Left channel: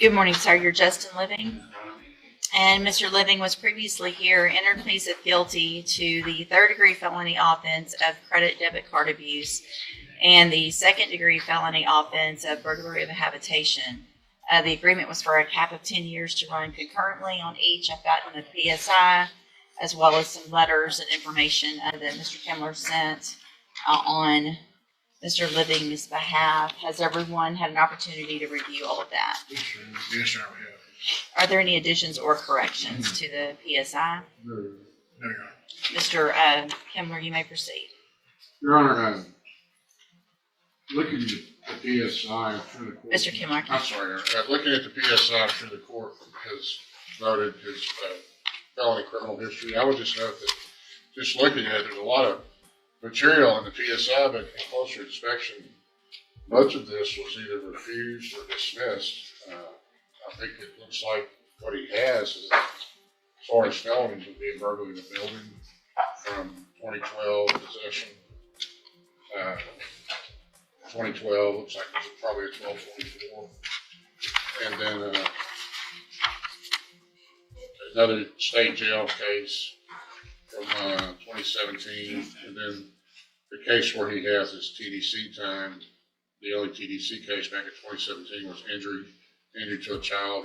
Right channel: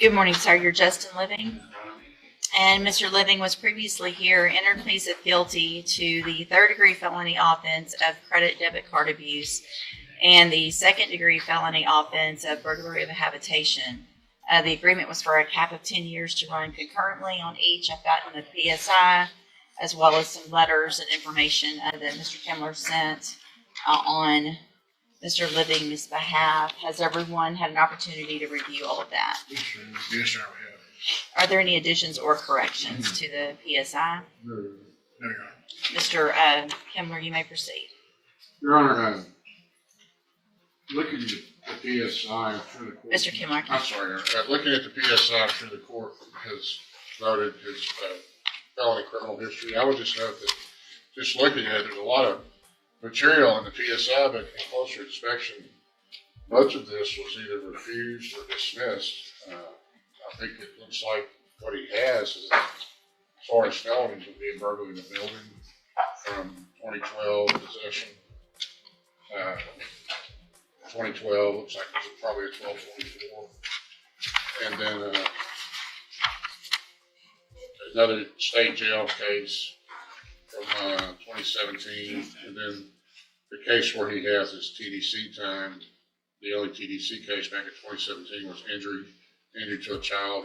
Good morning, sir. You're Justin Living. And Mr. Living was previously here, entered pleas of guilty to the third-degree felony offense of credit debit card abuse and the second-degree felony offense of burglary of a habitation. The agreement was for a cap of 10 years to run concurrently on each. I've gotten a PSI as well as some letters and information that Mr. Kimler sent on Mr. Living's behalf. Has everyone had an opportunity to review all of that? Yes, sir. Are there any additions or corrections to the PSI? No. Mr. Kimler, you may proceed. No. Looking at the PSI, Mr. Kimler. I'm sorry. Looking at the PSI, I'm sure the court has noted his felony criminal history. I would just note that just looking at it, there's a lot of material in the PSI, but in closer inspection, much of this was either refused or dismissed. I think it looks like what he has is, as far as felonies, would be a burglary of the building from 2012 possession. 2012 looks like it was probably a 1244, and then another state jail case in 2017, and then the case where he has his TDC time. The only TDC case back in 2017 was injury to a child,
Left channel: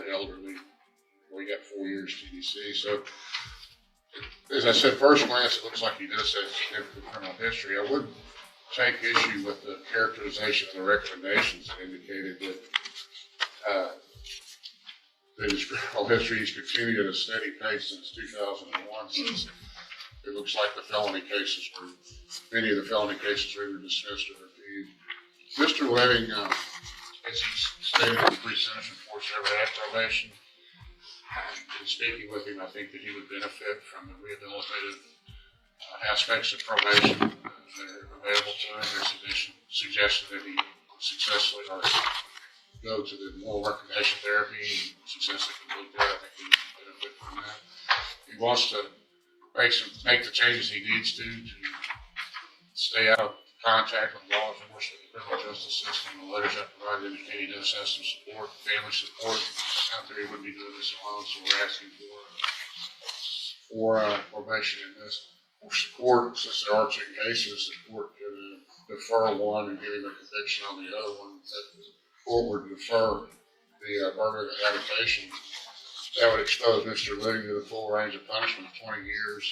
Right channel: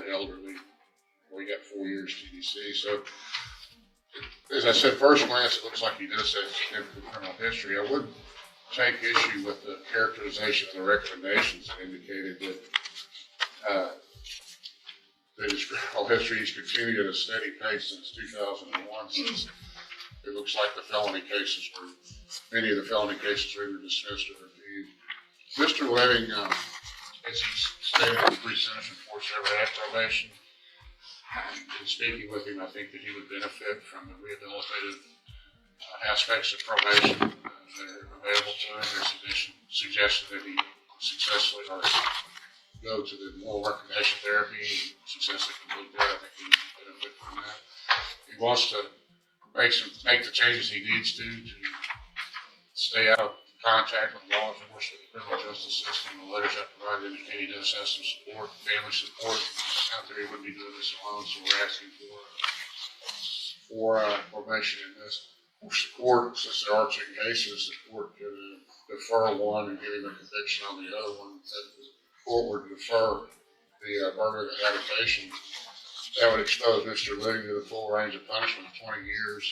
where he got 4 years TDC. So, as I said, first glance, it looks like he does have significant criminal history. I wouldn't take issue with the characterization of the recommendations that indicated that his criminal history has continued at a steady pace since 2001. Since it looks like the felony cases were, many of the felony cases were either dismissed or reviewed. Mr. Living, as he's stated, is pre-sentence and forced rehabilitation. In speaking with him, I think that he would benefit from the rehabilitative aspects of probation that are available to him. There's some suggestion that he successfully go to the moral reformation therapy and successfully complete that. I think he would benefit from that. He wants to make the changes he needs to stay out of contact with law enforcement, the criminal justice system. The letters I provided indicate he does have some support, family support out there. He would be doing this as well as he asking for probation and this. For support, since there aren't two cases, the court can defer one and give him a conviction on the other one. The court would defer the burglary of habitation. That would expose Mr. Living to the full range of punishment of 20 years.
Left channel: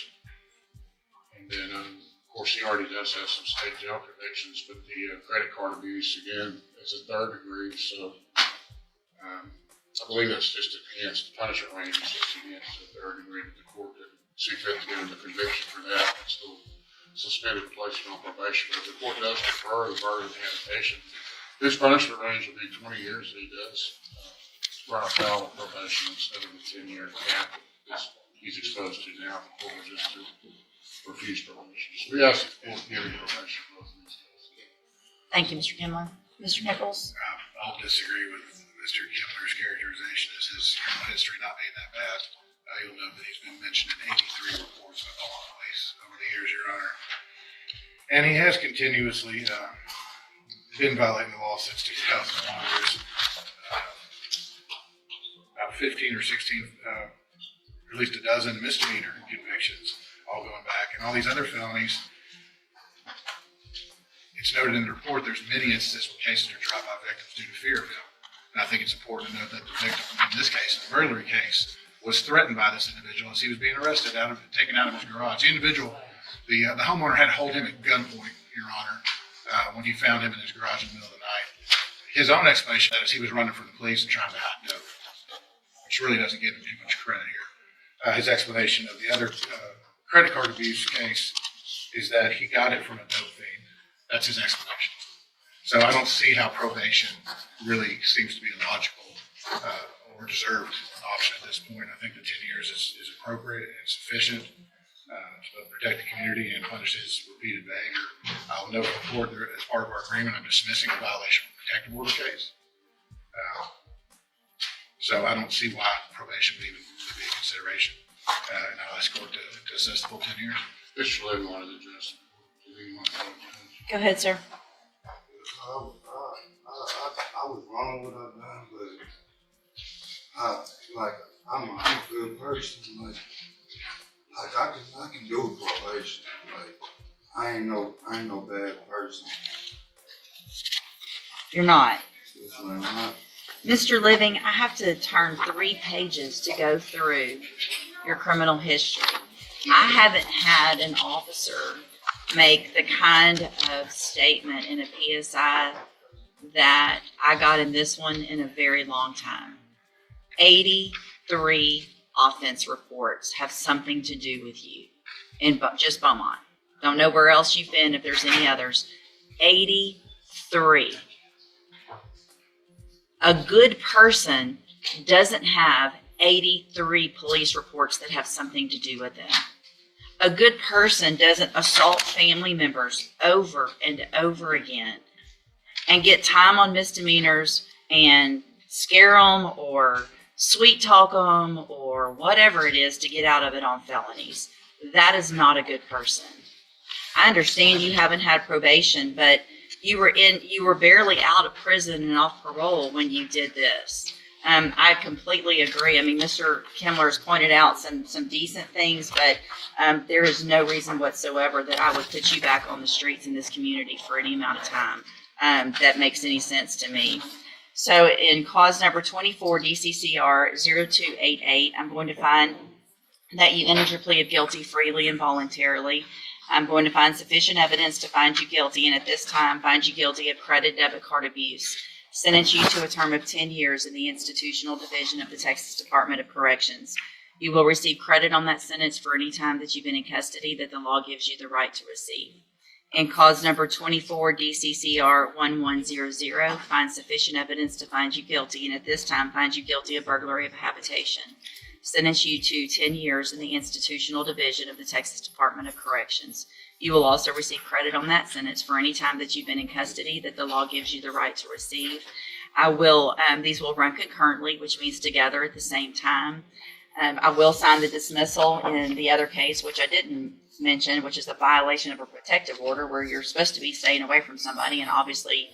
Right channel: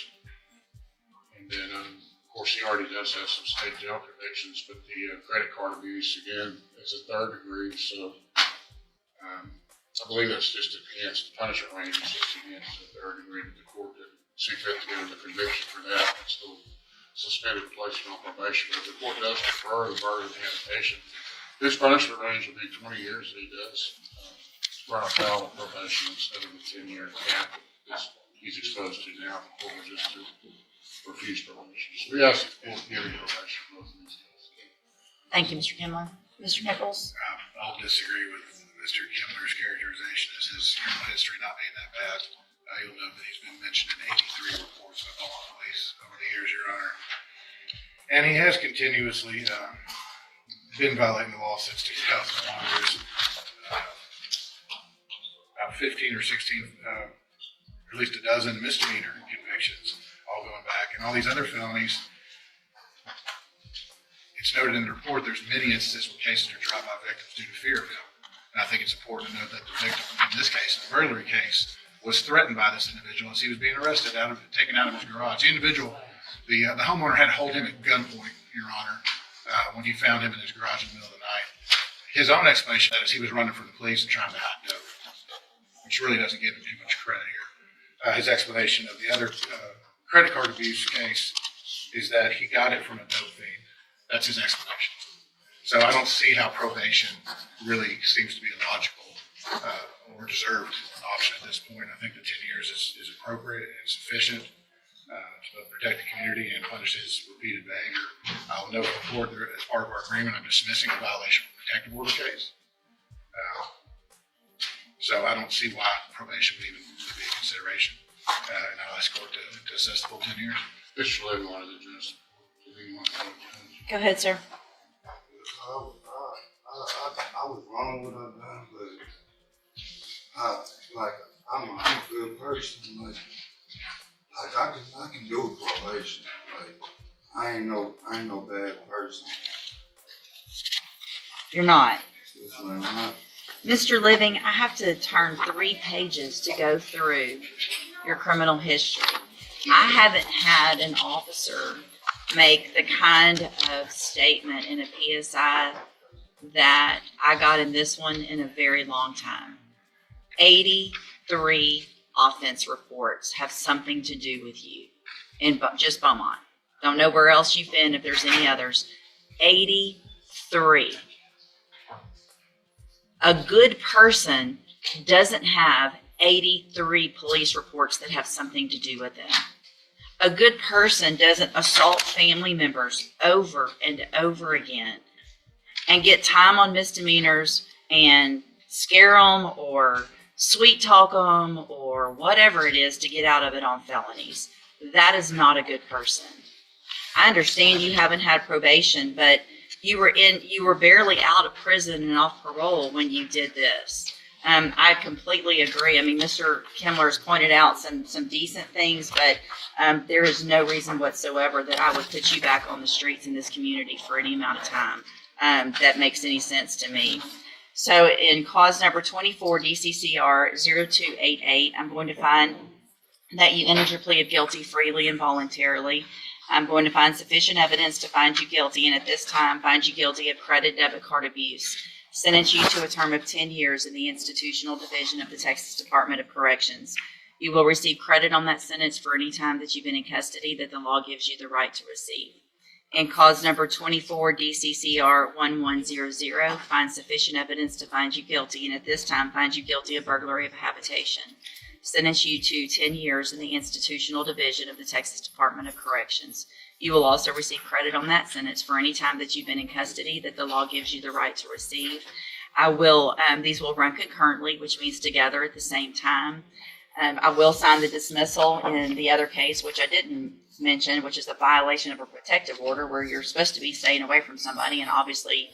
And then, of course, he already does have some state jail convictions, but the credit card abuse, again, is a third degree. So I believe that's just enhanced punishment range, is enhanced to the third degree, but the court didn't see fit to give him a conviction for that. So suspended and placed on probation. But the court does defer the burden of habitation. His punishment range would be 20 years that he does run afoul of probation instead of the 10-year cap that he's exposed to now. The court will just refuse probation. So we ask the court to give him probation. Thank you, Mr. Kimler. Mr. Nichols? I'll disagree with Mr. Kimler's characterization as his history not being that bad. You'll note that he's been mentioned in 83 reports all over the years, Your Honor. And he has continuously been violating the law since 2001. About 15 or 16, at least a dozen misdemeanor convictions, all going back. And all these other felonies, it's noted in the report, there's many instances where cases are dropped by victims due to fear of him. And I think it's important to note that the victim, in this case, the burglary case, was threatened by this individual as he was being arrested, taken out of his garage. The individual, the homeowner had to hold him at gunpoint, Your Honor, when he found him in his garage in the middle of the night. His own explanation is he was running from the police and trying to hide it, which really doesn't give him too much credit here. His explanation of the other credit card abuse case is that he got it from a dope fiend. That's his explanation. So I don't see how probation really seems to be logical or deserved an option at this point. I think the 10 years is appropriate and sufficient to protect the community and punish his repeated behavior. I'll note for the court that as part of our agreement, I'm dismissing a violation of the protective order case. So I don't see why probation would even be a consideration. This court to assess the whole 10 years. Mr. Living wanted to address. Go ahead, sir. I was wrong with that, but person, cause I can, we can do a probation. Like, I ain't no bad person. You're not. It's like, I'm not. Mr. Living, I have to turn 3 pages to go through your criminal history. I haven't had an officer make the kind of statement in a PSI that I got in this one in a very long time. 83 offense reports have something to do with you in just Beaumont. Don't know where else you've been if there's any others. 83. A good person doesn't have 83 police reports that have something to do with them. A good person doesn't assault family members over and over again and get time on misdemeanors and scare them or sweet talk them or whatever it is to get out of it on felonies. That is not a good person. I understand you haven't had probation, but you were barely out of prison and off parole when you did this. I completely agree. I mean, Mr. Kimler's pointed out some decent things, but there is no reason whatsoever that I would put you back on the streets in this community for any amount of time. That makes any sense to me. So in cause number 24, DCCR 0288, I'm going to find that you entered your plea of guilty freely and voluntarily. I'm going to find sufficient evidence to find you guilty, and at this time find you guilty of credit debit card abuse. Sentence you to a term of 10 years in the Institutional Division of the Texas Department of Corrections. You will receive credit on that sentence for any time that you've been in custody that the law gives you the right to receive. In cause number 24, DCCR 1100, find sufficient evidence to find you guilty, and at this time find you guilty of burglary of habitation. Sentence you to 10 years in the Institutional Division of the Texas Department of Corrections. You will also receive credit on that sentence for any time that you've been in custody that the law gives you the right to receive. These will run concurrently, which means together at the same time. I will sign the dismissal in the other case, which I didn't mention, which is the violation of a protective order where you're supposed to be staying away from somebody, and obviously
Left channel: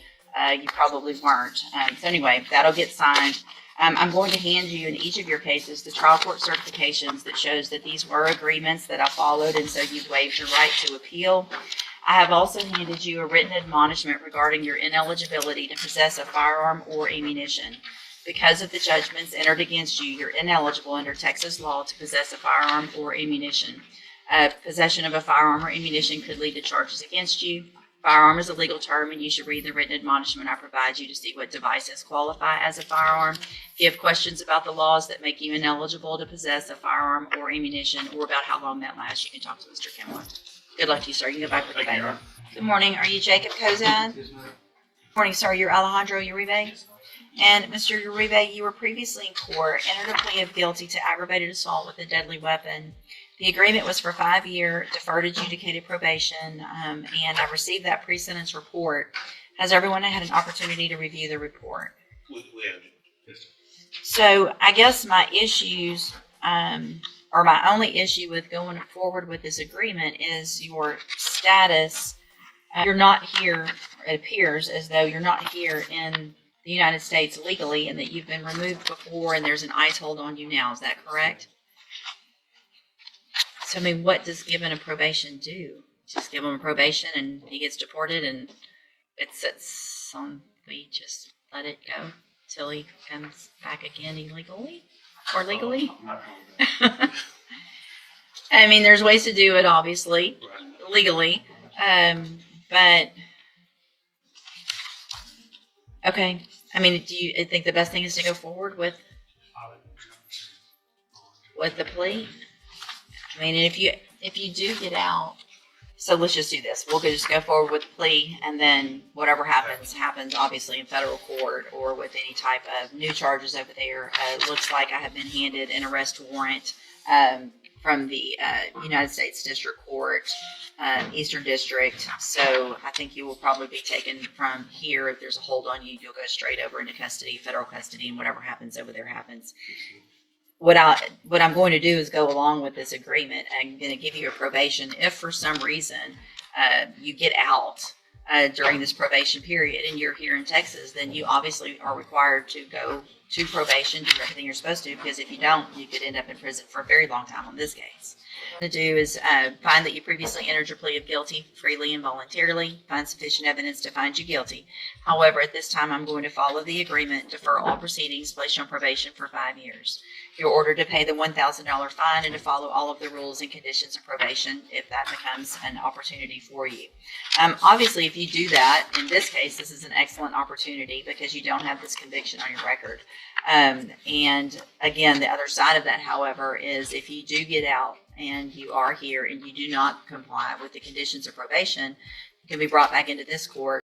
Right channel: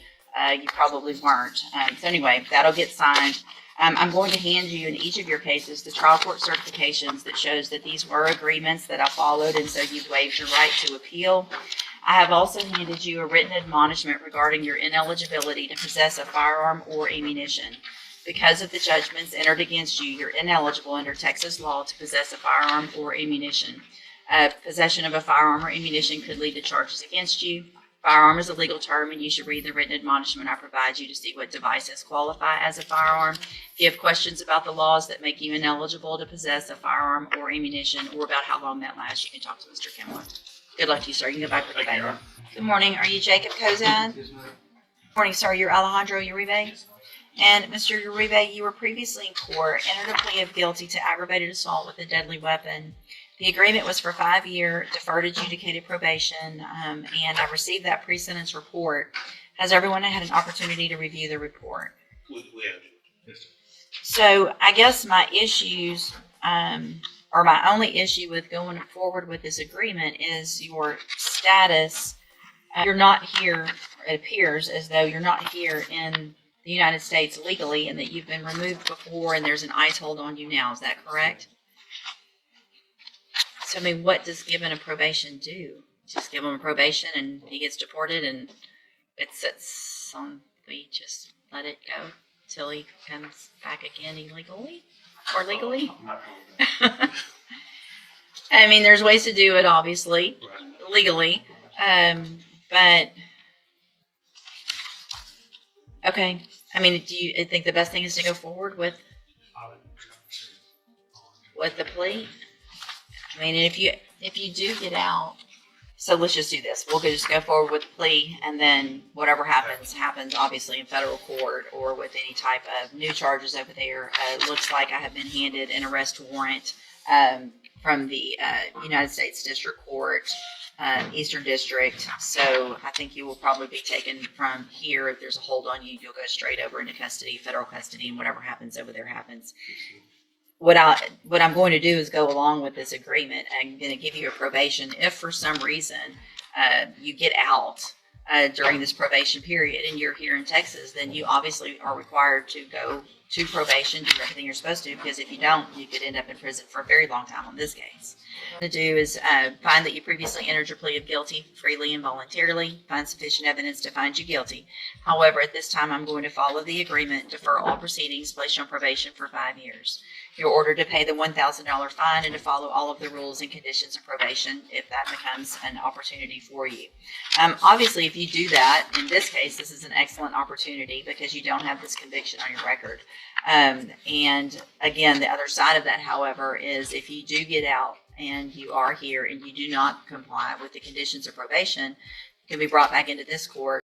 you probably weren't. So anyway, that'll get signed. I'm going to hand you in each of your cases the trial court certifications that shows that these were agreements that I followed, and so you've waived your right to appeal. I have also handed you a written admonishment regarding your ineligibility to possess a firearm or ammunition. Because of the judgments entered against you, you're ineligible under Texas law to possess a firearm or ammunition. Possession of a firearm or ammunition could lead to charges against you. Firearm is a legal term, and you should read the written admonishment I provide you to see what devices qualify as a firearm. If you have questions about the laws that make you ineligible to possess a firearm or ammunition, or about how long that lasts, you can talk to Mr. Kimler. Good luck to you, sir. You can go back for the day. Good morning. Are you Jacob Kozad? Good morning, sir. You're Alejandro Uribe? And Mr. Uribe, you were previously in court, entered a plea of guilty to aggravated assault with a deadly weapon. The agreement was for 5 year deferred adjudicated probation, and I received that pre-sentence report. Has everyone had an opportunity to review the report? We have. So I guess my issues, or my only issue with going forward with this agreement is your status. You're not here, it appears as though you're not here in the United States legally, and that you've been removed before and there's an ICE hold on you now. Is that correct? So, I mean, what does given a probation do? Just give him a probation and he gets deported and it sits on, we just let it go till he comes back again illegally or legally? I mean, there's ways to do it, obviously, legally, but, okay. I mean, do you think the best thing is to go forward with the plea? I mean, if you do get out, so let's just do this. We'll just go forward with the plea, and then whatever happens obviously in federal court or with any type of new charges over there. It looks like I have been handed an arrest warrant from the United States District Court, Eastern District. So I think you will probably be taken from here. If there's a hold on you, you'll go straight over into custody, federal custody, and whatever happens over there happens. What I'm going to do is go along with this agreement. I'm going to give you a probation. If for some reason you get out during this probation period and you're here in Texas, then you obviously are required to go to probation, do everything you're supposed to, because if you don't, you could end up in prison for a very long time on this case. To do is find that you previously entered your plea of guilty freely and voluntarily, find sufficient evidence to find you guilty. However, at this time, I'm going to follow the agreement, defer all proceedings, place you on probation for 5 years. You're ordered to pay the $1,000 fine and to follow all of the rules and conditions of probation if that becomes an opportunity for you. Obviously, if you do that, in this case, this is an excellent opportunity because you don't have this conviction on your record. And again, the other side of that, however, is if you do get out and you are here and you do not comply with the conditions of probation, can be brought back into this court